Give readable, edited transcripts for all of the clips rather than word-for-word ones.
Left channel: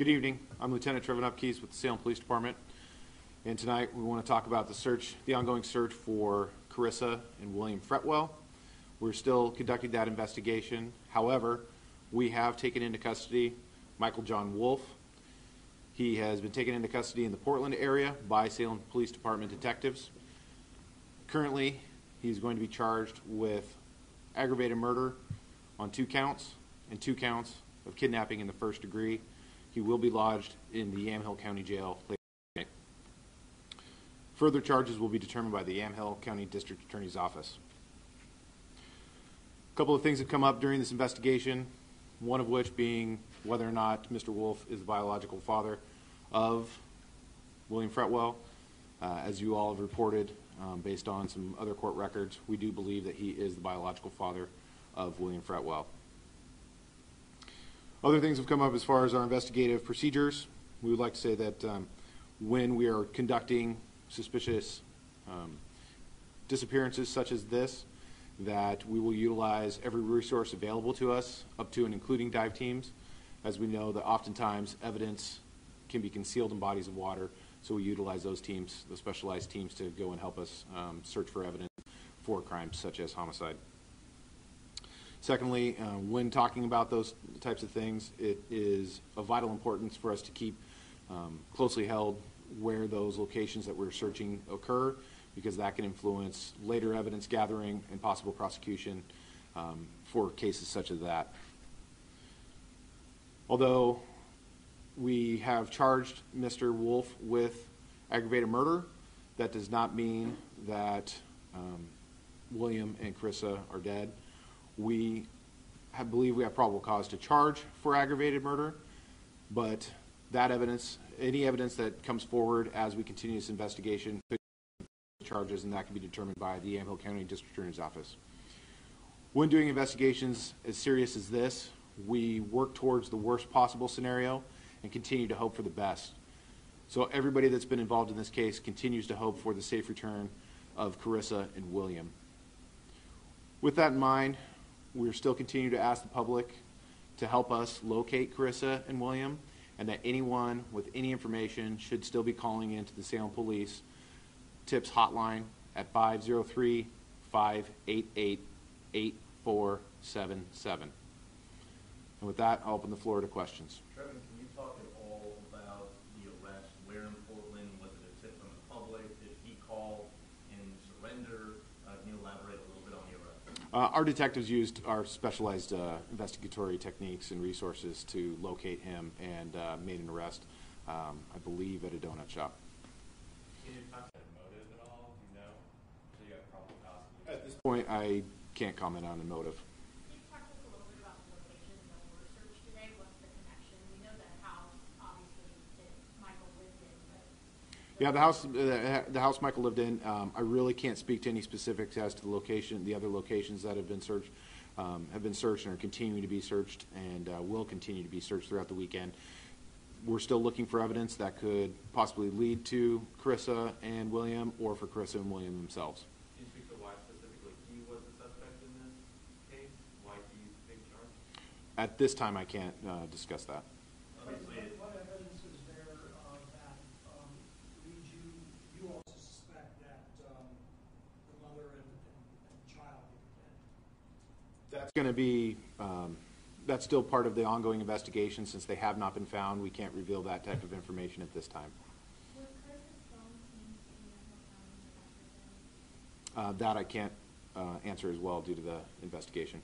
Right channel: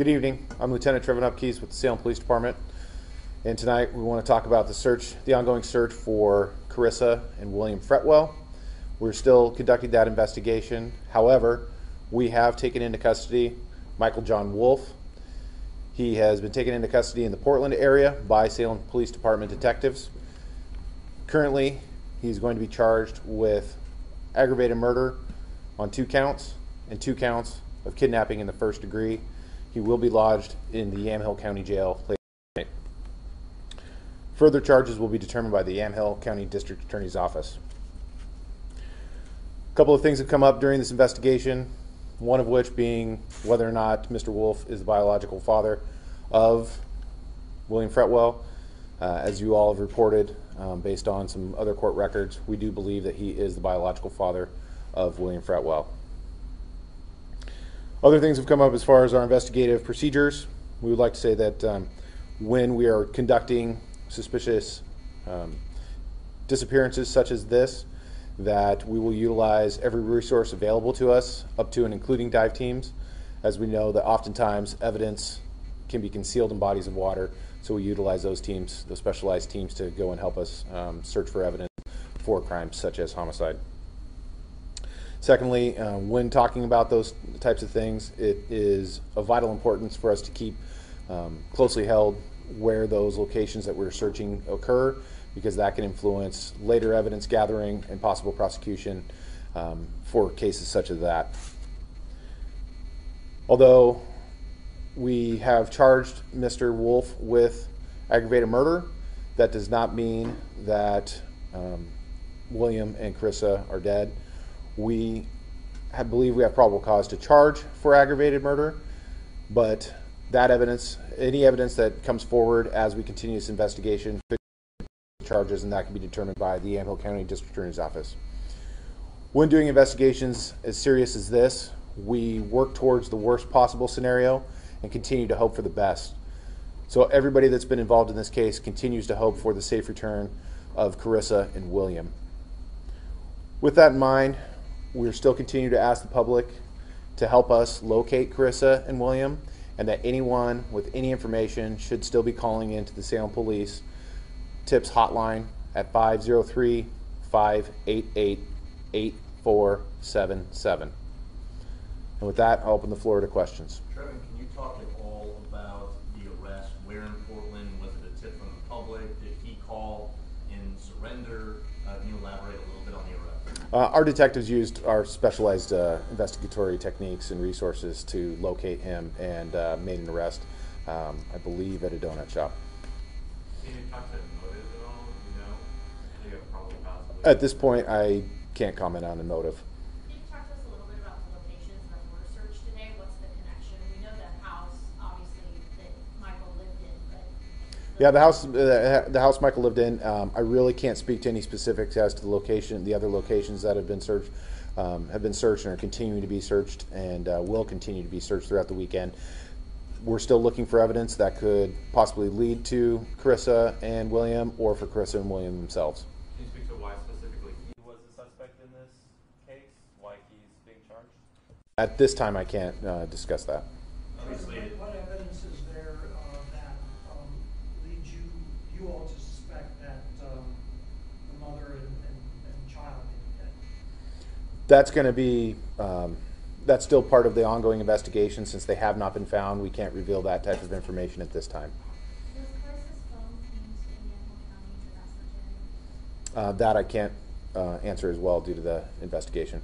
Good evening. I'm Lieutenant Trevor Upkeys with the Salem Police Department, and tonight we want to talk about the ongoing search for Karissa and William Fretwell. We're still conducting that investigation. However, we have taken into custody Michael John Wolfe. He has been taken into custody in the Portland area by Salem Police Department detectives. Currently, he's going to be charged with aggravated murder on 2 counts and 2 counts of kidnapping in the first degree. He will be lodged in the Yamhill County Jail later tonight. Further charges will be determined by the Yamhill County District Attorney's Office. A couple of things have come up during this investigation, one of which being whether or not Mr. Wolfe is the biological father of William Fretwell. As you all have reported, based on some other court records, we do believe that he is the biological father of William Fretwell. Other things have come up as far as our investigative procedures. We would like to say that when we are conducting suspicious disappearances such as this, that we will utilize every resource available to us, up to and including dive teams, as we know that oftentimes evidence can be concealed in bodies of water, so we utilize those teams, those specialized teams, to go and help us search for evidence for crimes such as homicide. Secondly, when talking about those types of things, it is of vital importance for us to keep closely held where those locations that we're searching occur, because that can influence later evidence gathering and possible prosecution for cases such as that. Although we have charged Mr. Wolfe with aggravated murder, that does not mean that William and Karissa are dead. We believe we have probable cause to charge for aggravated murder, but that evidence, any evidence that comes forward as we continue this investigation, could be charges, and that can be determined by the Yamhill County District Attorney's Office. When doing investigations as serious as this, we work towards the worst possible scenario and continue to hope for the best. So everybody that's been involved in this case continues to hope for the safe return of Karissa and William. With that in mind, we're still continuing to ask the public to help us locate Karissa and William, and that anyone with any information should still be calling into the Salem Police Tips Hotline at 503-588-8477. And with that, I'll open the floor to questions. Trevor, can you talk at all about the arrest? Where in Portland? Was it a tip from the public? Did he call in surrender? Can you elaborate a little bit on the arrest? Our detectives used our specialized investigatory techniques and resources to locate him and made an arrest, I believe, at a donut shop. Can you talk to motive at all? You know? Do you have probably possibly? At this point, I can't comment on a motive. Can you talk to us a little bit about the locations that were searched today? What's the connection? We know that house, obviously, that Michael lived in, but... Yeah, the house Michael lived in, I really can't speak to any specifics as to the location, the other locations that have been searched and are continuing to be searched, and will continue to be searched throughout the weekend. We're still looking for evidence that could possibly lead to Karissa and William, or for Karissa and William themselves. Can you speak to why specifically he was the suspect in this case? Why he's being charged? At this time, I can't discuss that. Obviously, What evidence is there that leads you all to suspect that the mother and child may be dead? That's going to be, that's still part of the ongoing investigation. Since they have not been found, we can't reveal that type of information at this time. Was Carissa's phone used in Yamhill County to That I can't answer as well due to the investigation.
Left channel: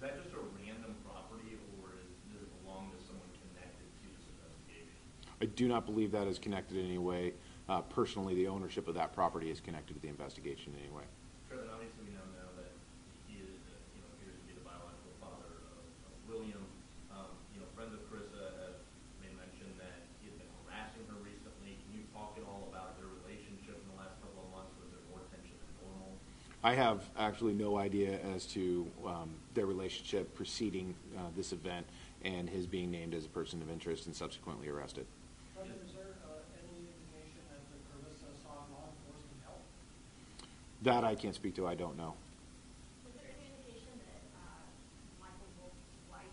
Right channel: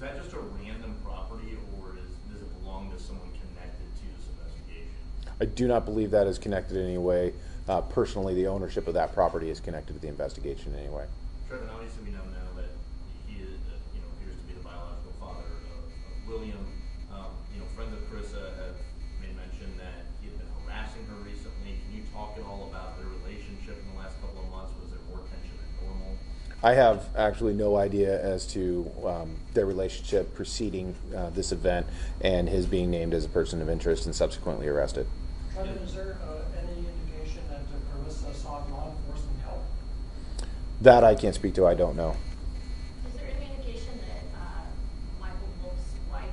is that just a random property, or does it belong to someone connected to this investigation? I do not believe that is connected in any way. Personally, the ownership of that property is connected to the investigation in any way. Trevor, obviously we now know that he is, appears to be the biological father of William. Friends of Karissa have made mention that he had been harassing her recently. Can you talk at all about their relationship in the last couple of months? Was there more tension than normal? I have actually no idea as to their relationship preceding this event and his being named as a person of interest and subsequently arrested. Trevor, is there any indication that Karissa sought law enforcement help? That I can't speak to. I don't know. Is there any indication that Michael Wolfe's wife,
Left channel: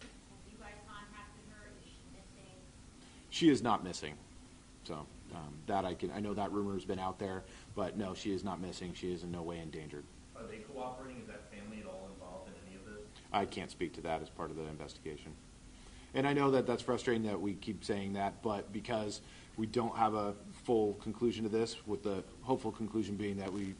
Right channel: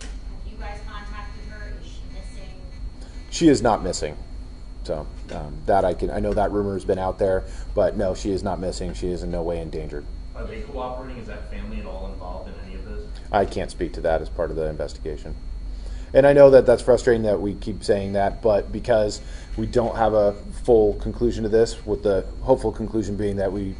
have you guys contacted her? Is she missing? She is not missing. So that I know that rumor has been out there, but no, she is not missing. She is in no way endangered. Are they cooperating? Is that family at all involved in any of this? I can't speak to that as part of the investigation. And I know that that's frustrating that we keep saying that, but because we don't have a full conclusion to this, with the hopeful conclusion being that we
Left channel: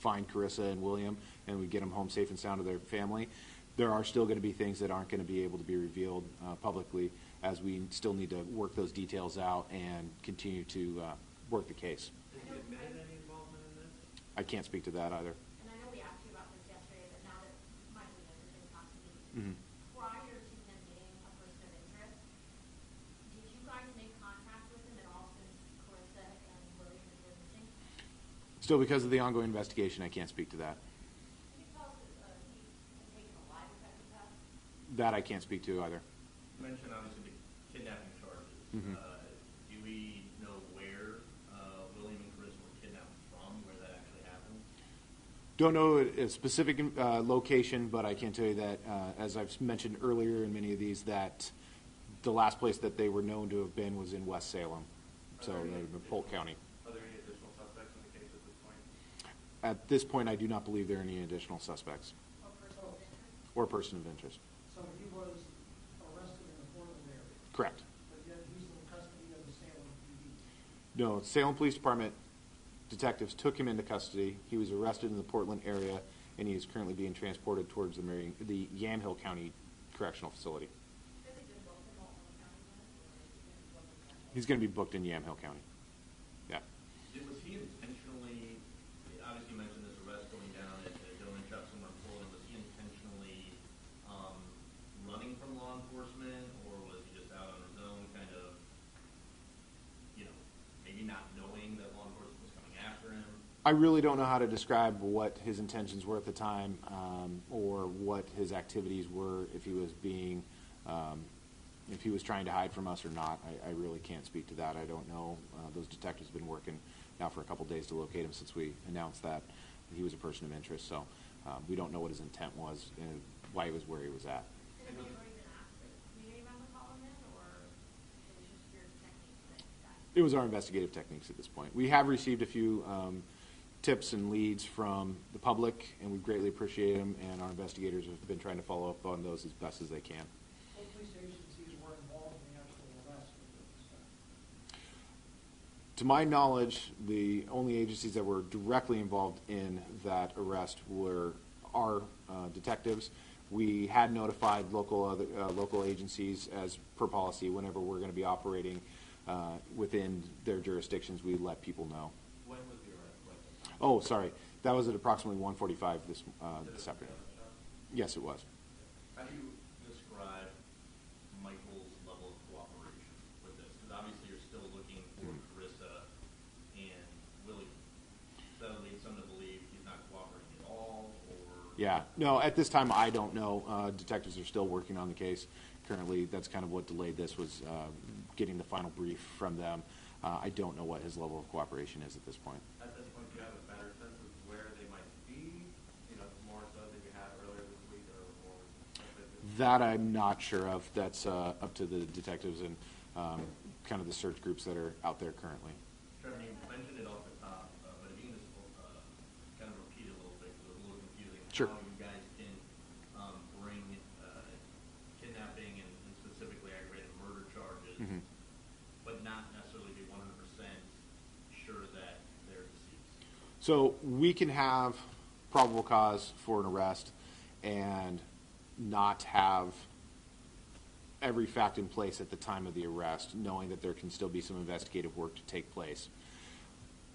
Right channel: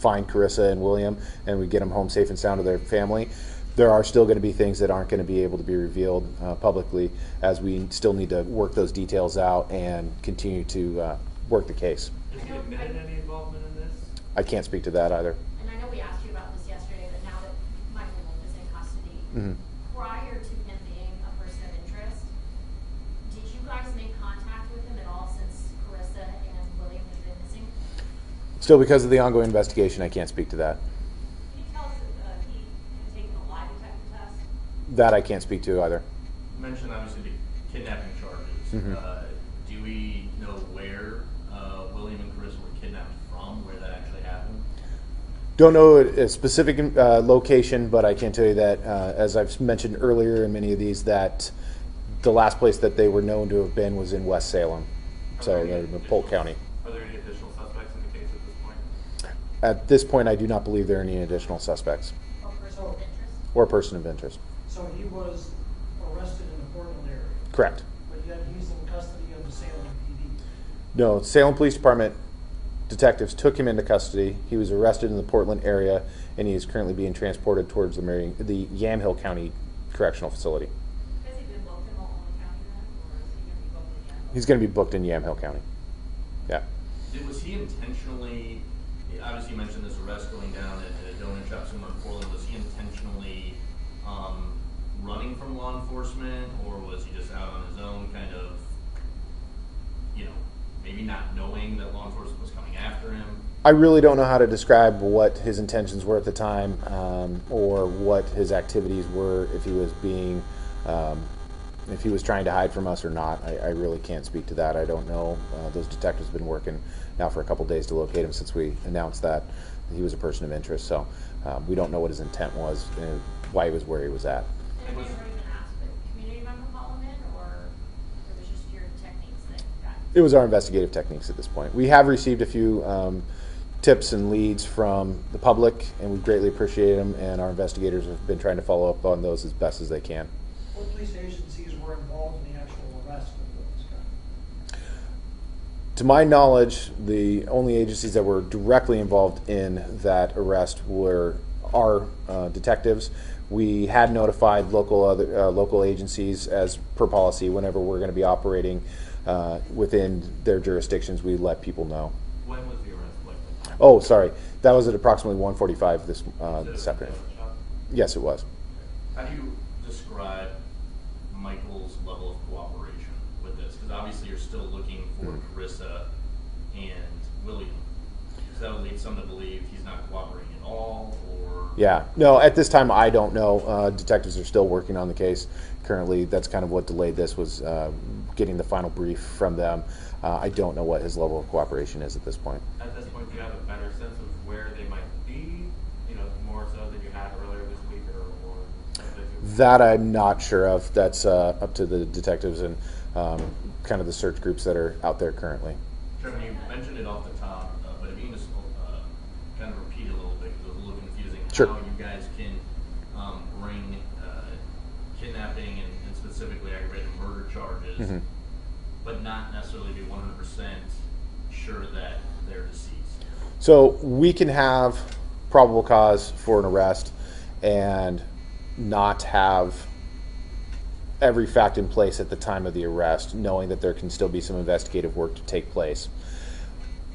find Karissa and William and we get them home safe and sound to their family, there are still going to be things that aren't going to be able to be revealed publicly, as we still need to work those details out and continue to work the case. Has he admitted any involvement in this? I can't speak to that either. And I know we asked you about this yesterday, but now that Michael Wolfe is in custody, prior to him being a person of interest, did you guys make contact with him at all since Karissa and William have been missing? Still, because of the ongoing investigation, I can't speak to that. Can you tell us if he had taken a lie detector test? That I can't speak to either. You mentioned obviously the kidnapping charges. Do we know where William and Karissa were kidnapped from, where that actually happened? Don't know a specific location, but I can tell you that, as I've mentioned earlier in many of these, that the last place that they were known to have been was in West Salem, so in Polk County. Are there any additional suspects in the case at this point? At this point, I do not believe there are any additional suspects Or person of interest? or person of interest. So he was arrested in the Portland area, Correct. but yet he's in custody of the Salem PD. No, Salem Police Department detectives took him into custody. He was arrested in the Portland area, and he is currently being transported towards the Yamhill County Correctional Facility. Has he been booked in Multnomah County then, or is he going to be booked again? He's going to be booked in Yamhill County. Yeah. Was he intentionally, obviously you mentioned this arrest going down at a donut shop somewhere in Portland, was he intentionally running from law enforcement, or was he just out on his own, kind of, maybe not knowing that law enforcement was coming after him? I really don't know how to describe what his intentions were at the time, or what his activities were, if he was being, if he was trying to hide from us or not. I really can't speak to that. I don't know. Those detectives have been working now for a couple days to locate him since we announced that he was a person of interest. So we don't know what his intent was and why he was where he was at. Have you ever even asked the community member to call him in, or it was just your techniques that got? It was our investigative techniques at this point. We have received a few tips and leads from the public, and we greatly appreciate them, and our investigators have been trying to follow up on those as best as they can. What police agencies were involved in the actual arrest of this guy? To my knowledge, the only agencies that were directly involved in that arrest were our detectives. We had notified local agencies as per policy whenever we're going to be operating within their jurisdictions. We let people know. When was the arrest likely? Oh, sorry, that was at approximately 1:45 this afternoon. Shot? Yes, it was. How do you describe Michael's level of cooperation with this? Because obviously you're still looking for Karissa and William. Does that lead some to believe he's not cooperating at all, or? Yeah, no, at this time I don't know. Detectives are still working on the case currently. That's kind of what delayed this, was getting the final brief from them. I don't know what his level of cooperation is at this point. At this point, do you have a better sense of where they might be, more so than you had earlier this week, or That I'm not sure of. That's up to the detectives and kind of the search groups that are out there currently. Trevor, you mentioned it off the top, but if you can just kind of repeat a little bit, because it was a little confusing. Sure. How you guys can bring kidnapping and specifically aggravated murder charges, but not necessarily be 100% sure that they're deceased. So we can have probable cause for an arrest and not have every fact in place at the time of the arrest, knowing that there can still be some investigative work to take place.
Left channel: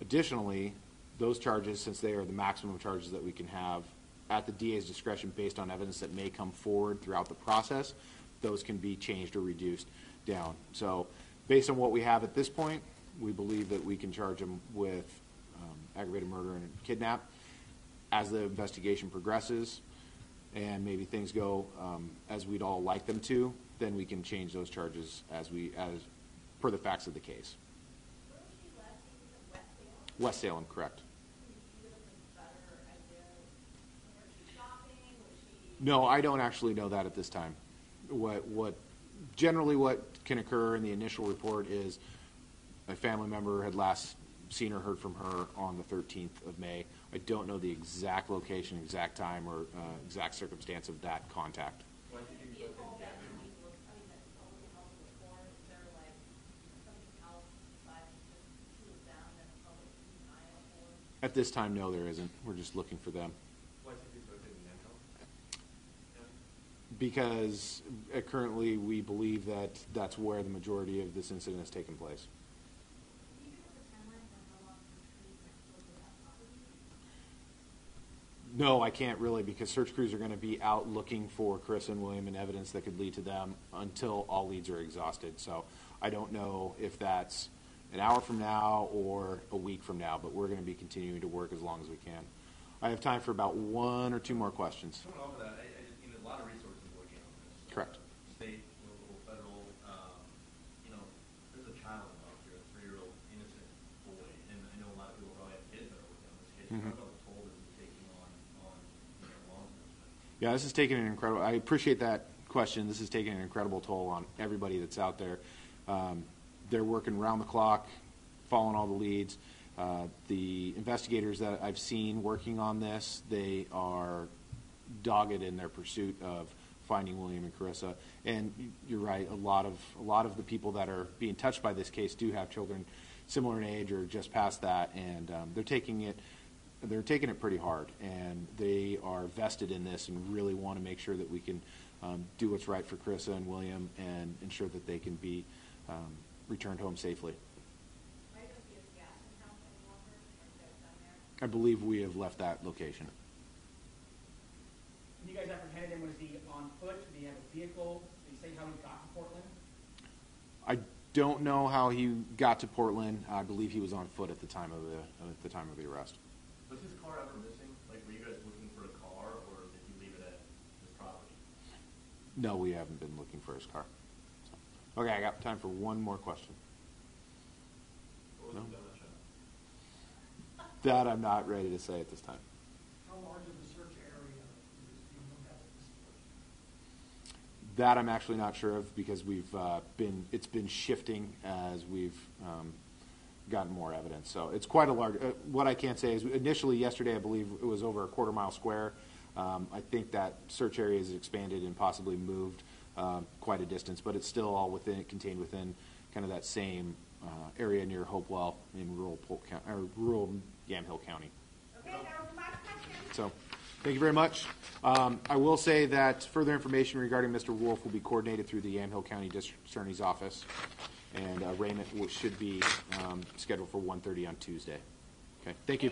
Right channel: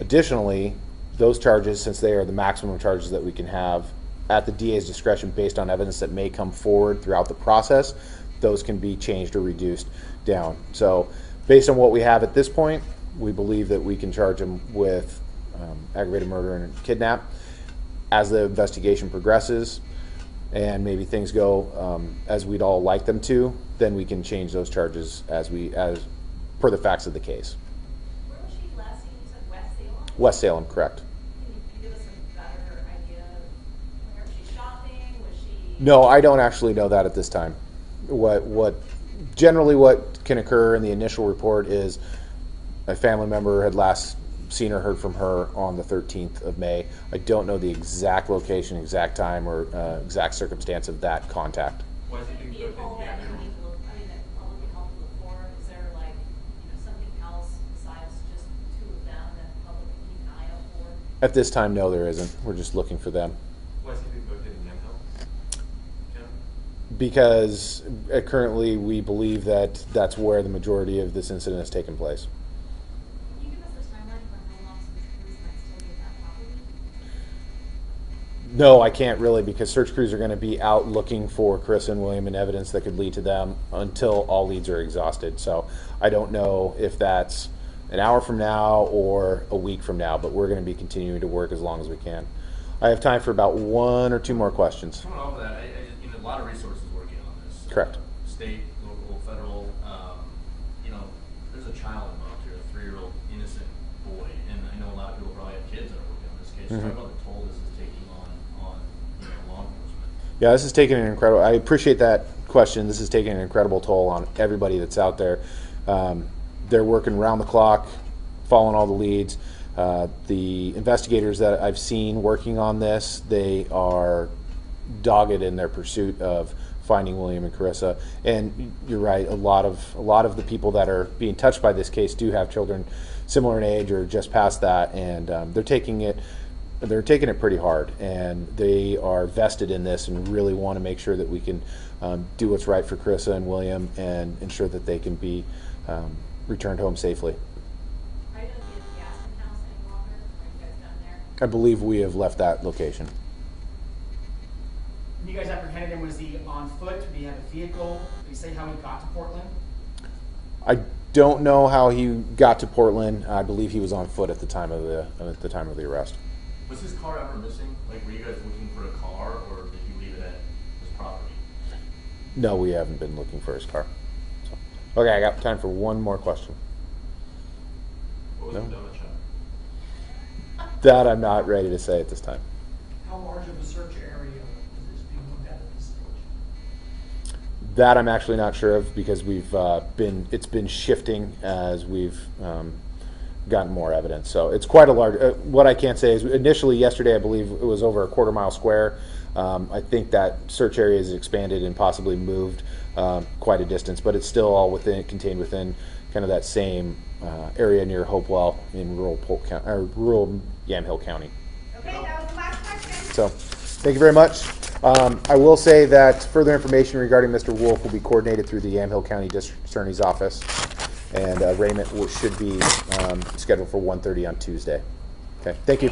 Additionally, those charges, since they are the maximum charges that we can have at the DA's discretion based on evidence that may come forward throughout the process, those can be changed or reduced down. So based on what we have at this point, we believe that we can charge him with aggravated murder and kidnap. As the investigation progresses and maybe things go as we'd all like them to, then we can change those charges as per the facts of the case. Where was she last seen? You said West Salem? West Salem, correct. Can you give us a better idea of where was she shopping? Was she? No, I don't actually know that at this time. What Generally, what can occur in the initial report is a family member had last seen or heard from her on the 13th of May. I don't know the exact location, exact time, or exact circumstance of that contact. Was it being booked Vehicle in that Canada? you need to look, I mean, that public can help look for, is there like, something else besides just two of them that the public can keep an eye out for? At this time, no, there isn't. We're just looking for them. Was it being booked in Yamhill? Yeah. Because currently we believe that that's where the majority of this incident has taken place. Can you give us a timeline for how long some crews might still be at that property? No, I can't really, because search crews are going to be out looking for Karissa and William and evidence that could lead to them until all leads are exhausted. So I don't know if that's an hour from now or a week from now, but we're going to be continuing to work as long as we can. I have time for about one or two more questions. Coming off of that, a lot of resources working on this. Correct. State, local, federal. There's a child involved here, a 3-year-old innocent boy, and I know a lot of people probably have kids that are working on this case. Mhm. Talk about the toll this is taking on law enforcement. Yeah, this is taking an incredible, I appreciate that question. This is taking an incredible toll on everybody that's out there. They're working around the clock, following all the leads. The investigators that I've seen working on this, they are dogged in their pursuit of finding William and Karissa. And you're right, a lot of the people that are being touched by this case do have children similar in age or just past that, and they're taking it pretty hard, and they are vested in this and really want to make sure that we can do what's right for Karissa and William and ensure that they can be returned home safely. Are you gonna be at the Aspen House any longer? Are you guys done there? I believe we have left that location. When you guys apprehended him, was he on foot? Did he have a vehicle? Did he say how he got to Portland? I don't know how he got to Portland. I believe he was on foot at the time of the arrest. Was his car ever missing? Like, were you guys looking for a car, or did he leave it at his property? No, we haven't been looking for his car. So, okay, I got time for one more question. What was No. the donut shop? That I'm not ready to say at this time. How large of a search area is being looked at this stage? That I'm actually not sure of, because it's been shifting as we've gotten more evidence. So it's quite a large, what I can't say is initially yesterday I believe it was over a quarter-mile square. I think that search area has expanded and possibly moved quite a distance, but it's still all contained within kind of that same area near Hopewell in rural Yamhill County. Okay, that was the last question. So, thank you very much. I will say that further information regarding Mr. Wolfe will be coordinated through the Yamhill County District Attorney's Office, and arraignment should be scheduled for 1:30 on Tuesday. Okay, thank you.